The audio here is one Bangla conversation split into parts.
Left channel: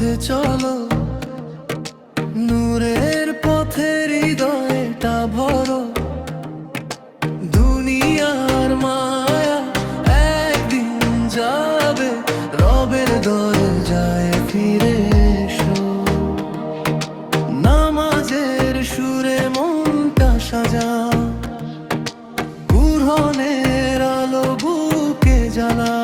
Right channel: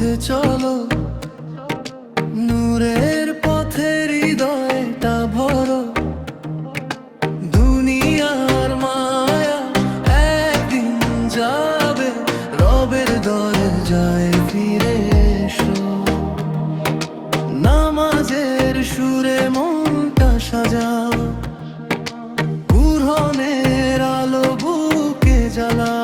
পথে চলো, নূরের পথে হৃদয়টা ভরো। দুনিয়ার মায়া একদিন যাবে, রবের দরজায় ফিরে এসো। নামাজের সুরে মনটা সাজাও, কুরআনের আলো বুকে জ্বালাও।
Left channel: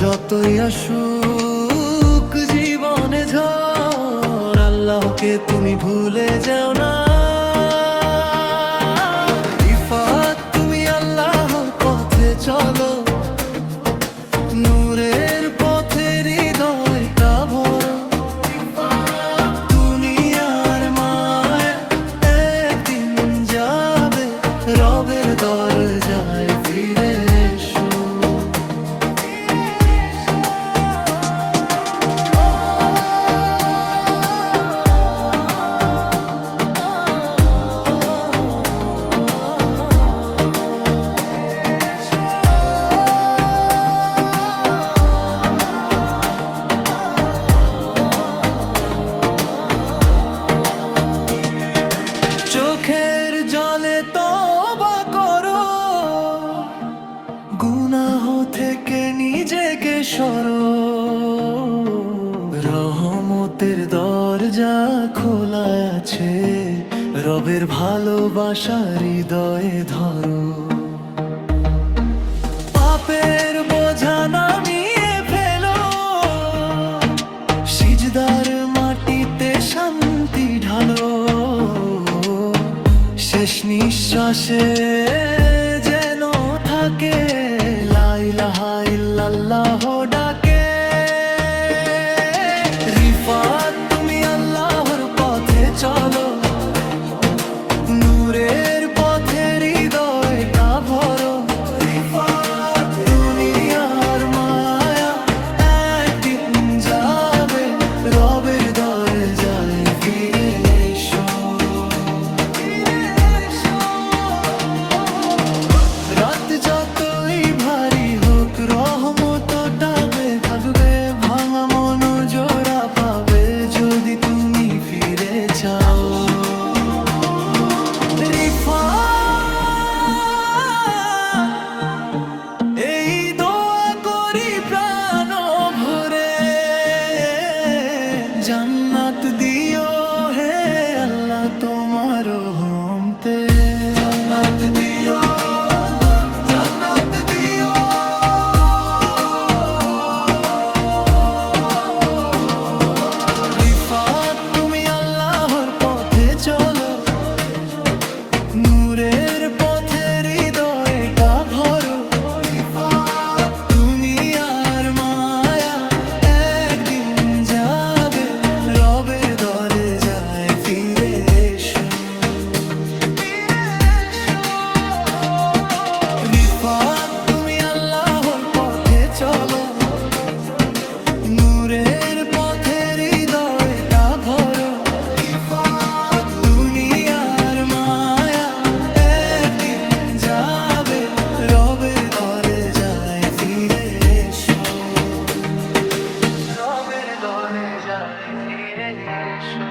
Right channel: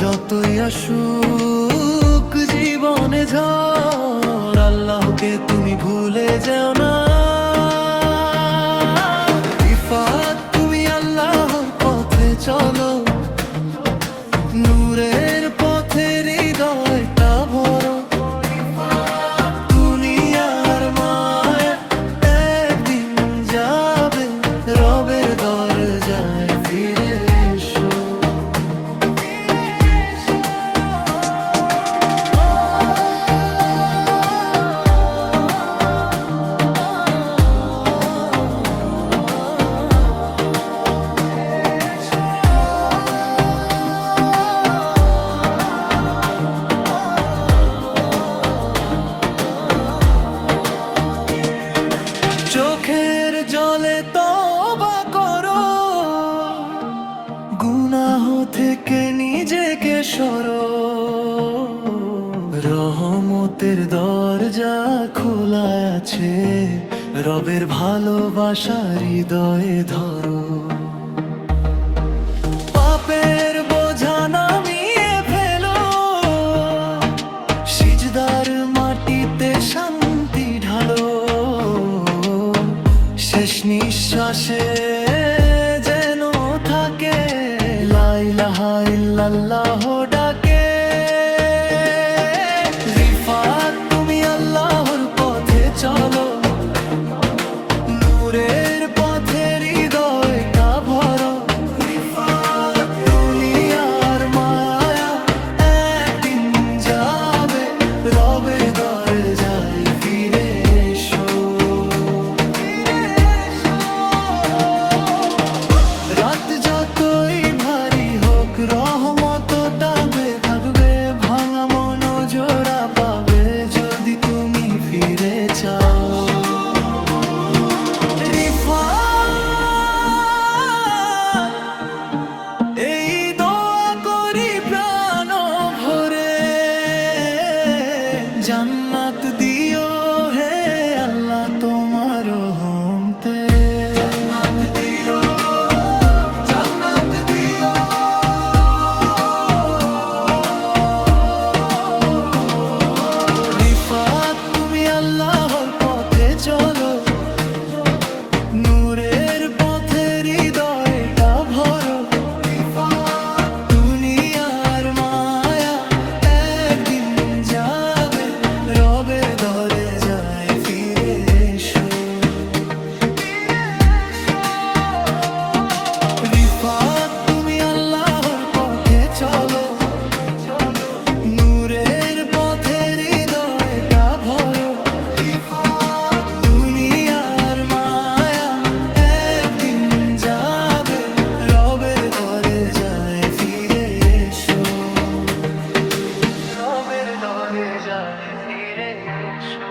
যতই আসুক জীবনে ঝড়, আল্লাহকে তুমি ভুলে যেও না। রিফাত তুমি আল্লাহর পথে চলো, নূরের পথে হৃদয়টা ভরো। দুনিয়ার মায়া একদিন যাবে, রবের দরজায় ফিরে এসো। চোখের জলে তওবা করো, গুনাহ থেকে নিজেকে সরো। রহমতের দরজা খোলা আছে, রবের ভালোবাসা হৃদয়ে ধরো। পাপের বোঝা নামিয়ে ফেলো, সিজদার মাটিতে শান্তি ঢালো। শেষ নিঃশ্বাসে যেন থাকে লা ইলাহা ইল্লাল্লাহ ডাকে। রিফাত তুমি আল্লাহর পথে চলো, নূরের পথে হৃদয়টা ভরো। দুনিয়ার মায়া একদিন যাবে, রবের দরজায় ফিরে এসো। রাত যতই ভারী হোক, রহমতটা থাকবে। ভাঙা মন জোড়া পাবে, যদি তুমি ফিরে চাও। রিফাত এই দোয়া করি প্রাণ ভরে, জান্নাত দিও হে আল্লাহ তোমার রহমতে। তুমি আল্লাহর পথে চলো, নূরের পথে হৃদয়টা ভরো। দুনিয়ার মায়া একদিন যাবে, রবের দরজায় ফিরে এসো। রিফাত তুমি আল্লাহর পথে চলো, নূরের পথে হৃদয়টা ভরো। দুনিয়ার মায়া একদিন যাবে, রবের দরজায় ফিরে এসো। রবের দরজায় ফিরে এসো।